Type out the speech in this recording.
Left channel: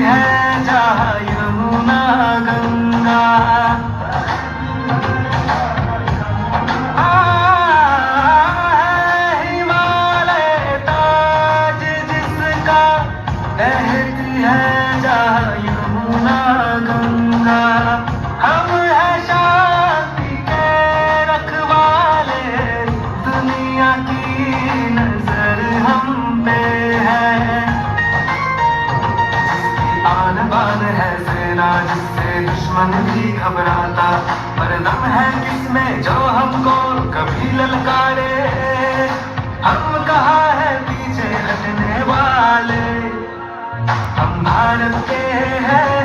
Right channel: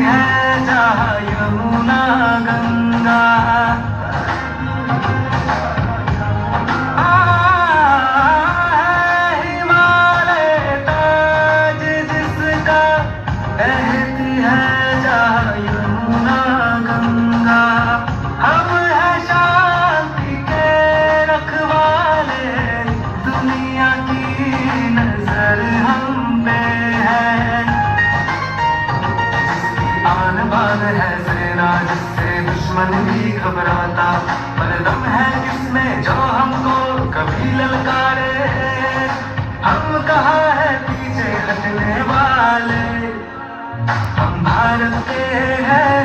है जहाँ यमुना गंगा। हिमालय ताज जिसका, कहती है जहाँ यमुना गंगा। हम है शांति के रखवाले, दुनिया की नजर हम पे है। आन बान है सेना जिससे दुश्मन भी घबराता, पर दम है किसमें जो हमको कभी ललकारे। हम कहाँ है पीछे हटने वाले, हम भारत के हैं।